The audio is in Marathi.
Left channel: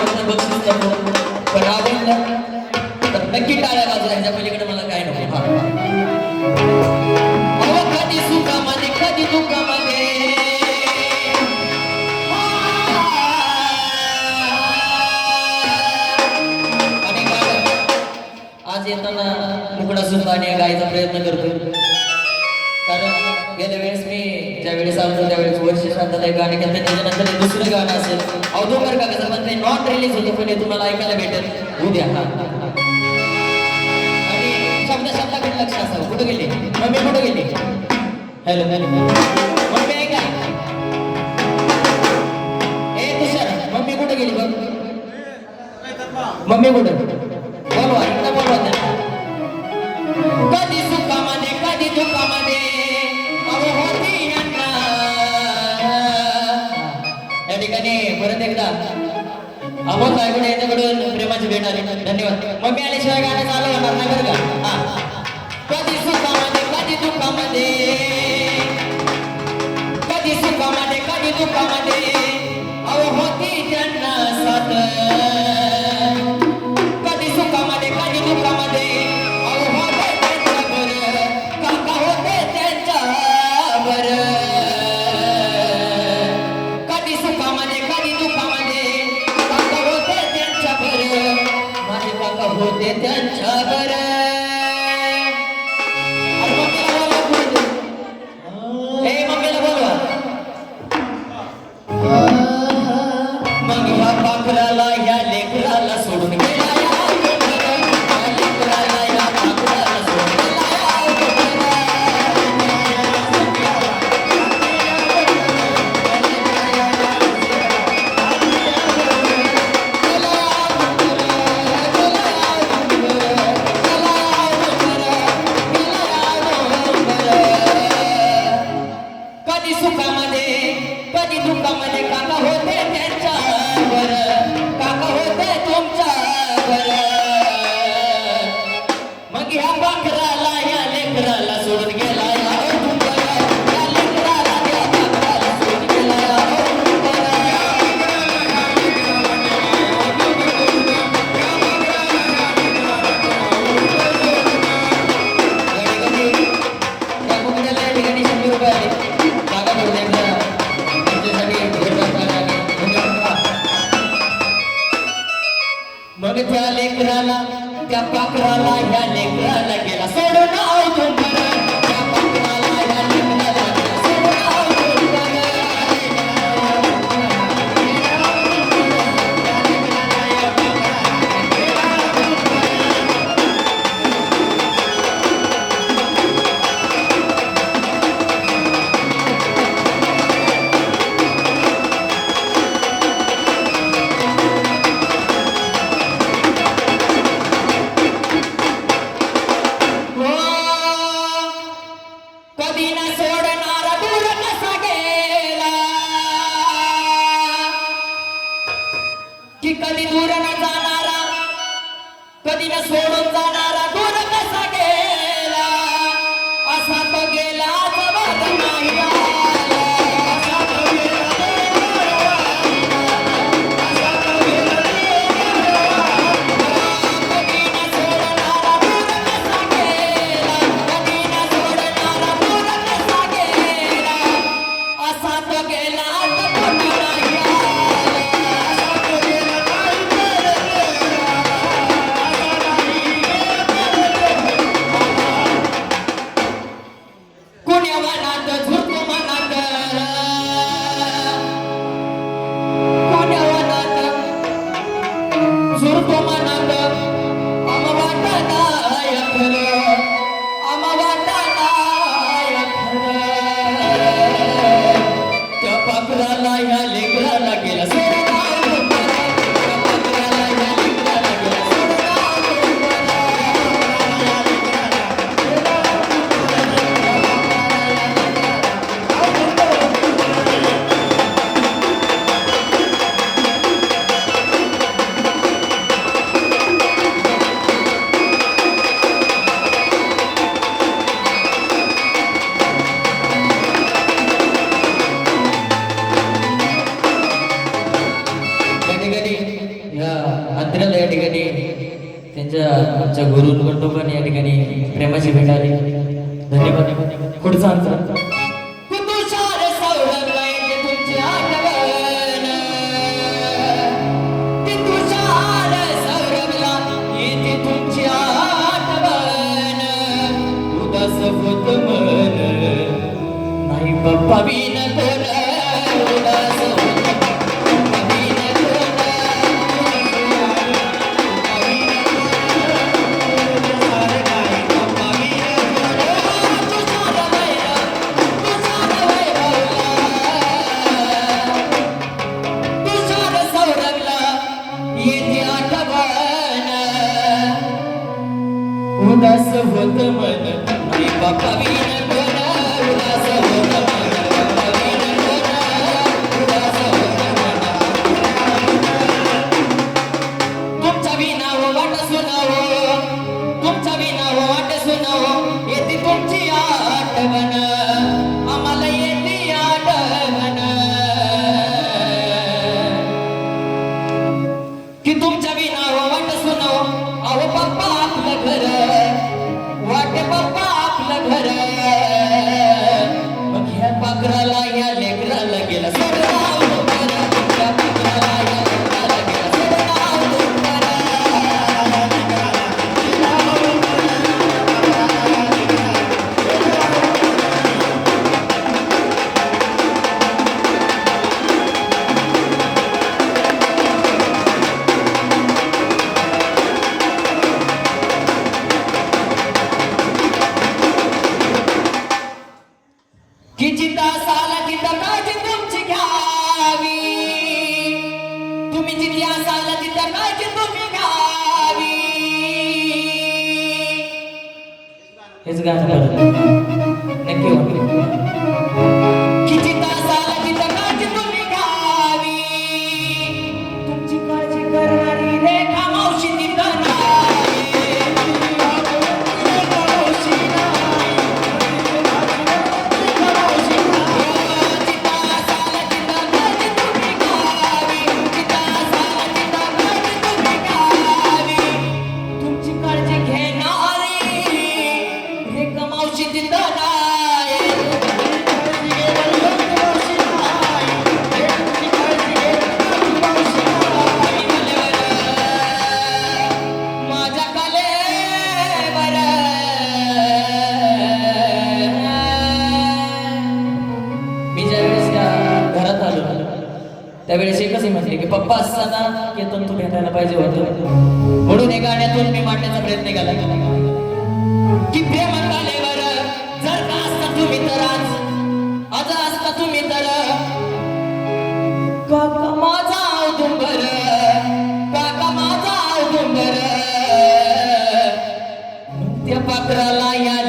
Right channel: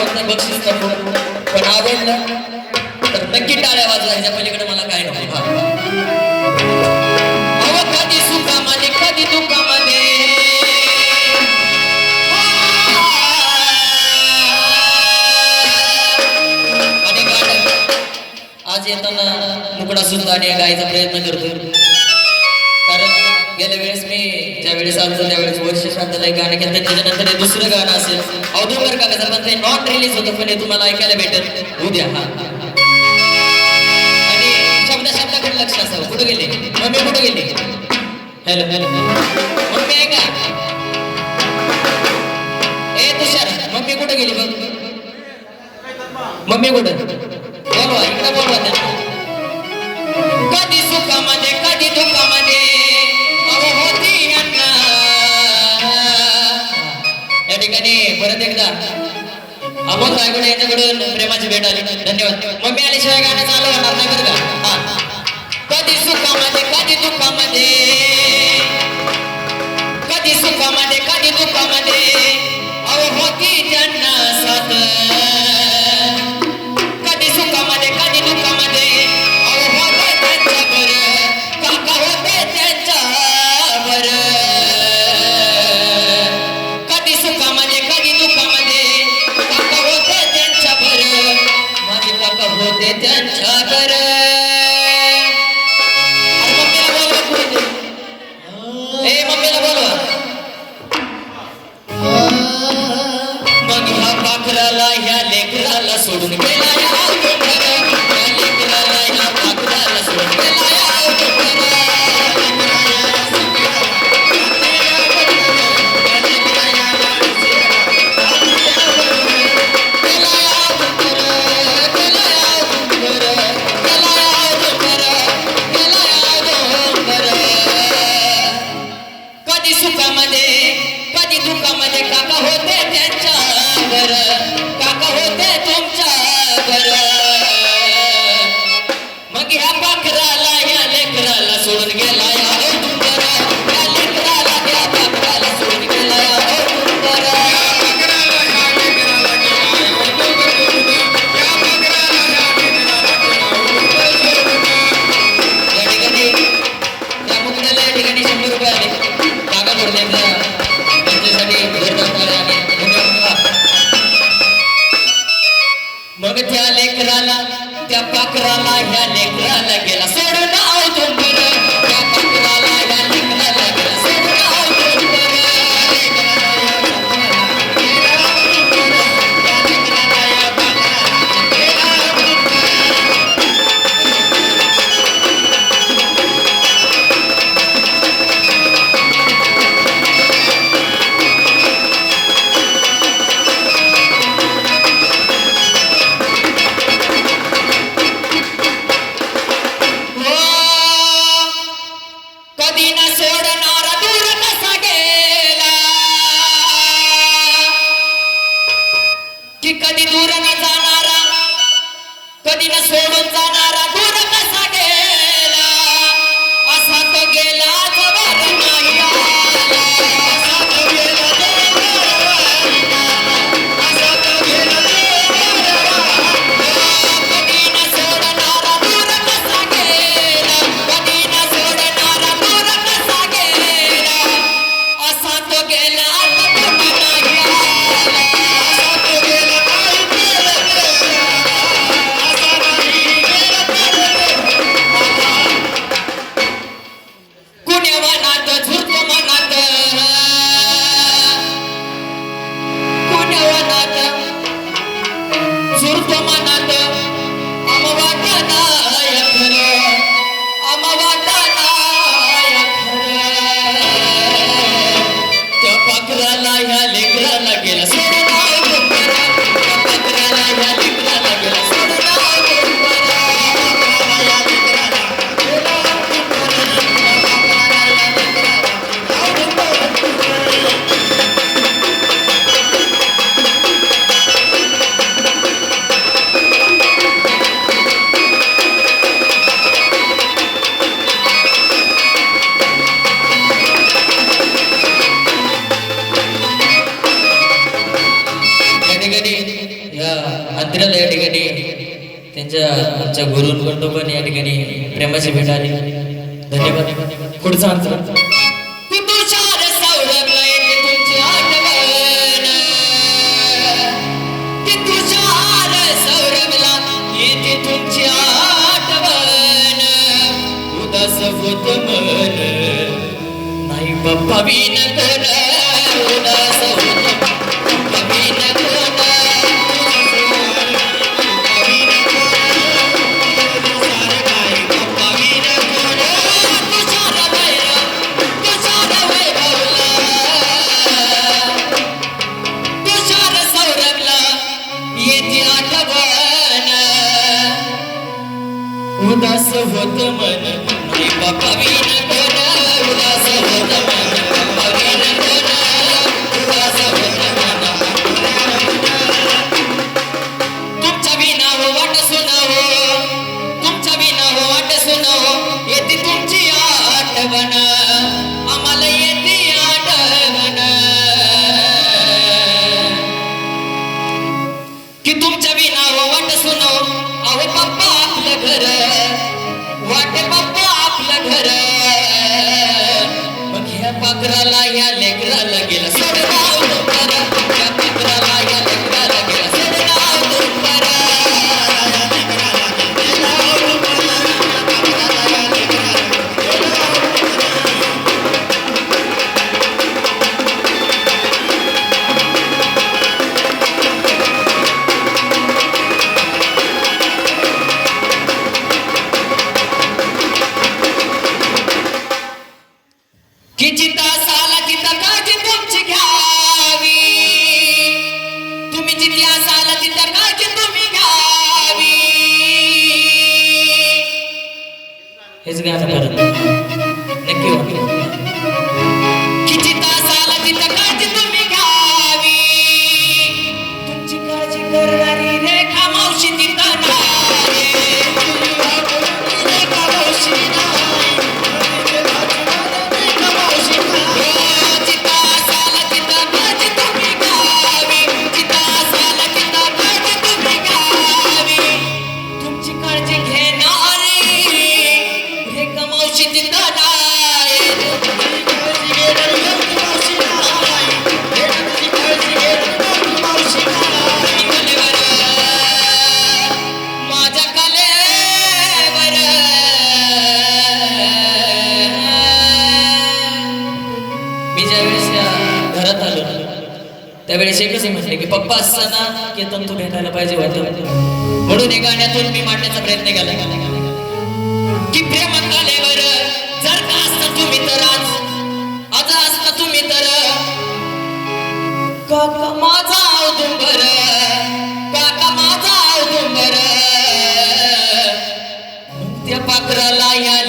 आवडत बक्षीस करतो पण आवडलं तर नक्की टाळ्या वाजवायच्या पलीकडे मला काय नको हा, कधी सुखामध्ये कधी दुःखामध्ये. आज येताना मुकडा सुद्धा आणि गायचा प्रयत्न करतो वर्ष शांतला एक गाणं केलं त्याच्यानंतर हे दुसरं गाणं असेल. औदुंबर काका पण ते नॉट रिलीज होतं पण हे तुम्हाला ऐकायला भेटेल. उद्या. हा आणि शब्द शब्दाकडे लक्ष असावं. कुठं गेले? मम्मी कुठं गेले? हॅलो हॅलो मम्मी आहे का? ए तुषार मम्मी कुठं गेली बघ मम्मी कुठं? बोलवा इकडे बोलवा. कधी सुखामध्ये कधी दुःखामध्ये ठिकाणी परत एकदा अमोल गायकडे यांच्याकडून प्रेमाची भेट आली. धन्यवाद. मम्मी आल्याशिवाय गाणं चालू होणार नाही बरं का? कधी सुखामध्ये कधी दुःखामध्ये? कधी सुखामध्ये कधी दुःखामध्ये? अहो होती त्यांना साथ. पाकराला पाखराला ह्या लेकराला गेला. सोडून आव कधी दूर की कधी दूर न जाणारा कधी न सोडून जाणारा दूर कसा गेला? असा तो गेला जवळ नाही ಸುರುತಮನದ ಅಮವಾಟ ನಾಯಕರು ಅಮವಾಟ आमच्या गुरुंकडून पण या ठिकाणी प्रेमाची भेट आली. धन्यवाद. पुढचा अंतर तुषार उदास होत मन मी बाप्पा कोण उदास होत मन कवीन कोण उदास होत मन तुमच्या विना वाट सुनाव तुमच्या विना वाट सुनावो पप्पा की जिथं साला तिथं काळजी तुमची घ्यावी. तुम्ही जिथे असाल तिथं काळजी तुम्ही घ्यावी. हेच गाणं त्यावेळेस एकच म्हटले की पप्पा असताना केतन तू भेटायला पाहिजे होतं. म्हणून हे गाण्यातून मी मांडण्याचा प्रयत्न केला. की प्रेम कलेवर जर का असता तुम्ही तर आज आज असता तुम्ही तर. काका माझा औदुंबर काका माझा औदुंबर. त्या पात्राला या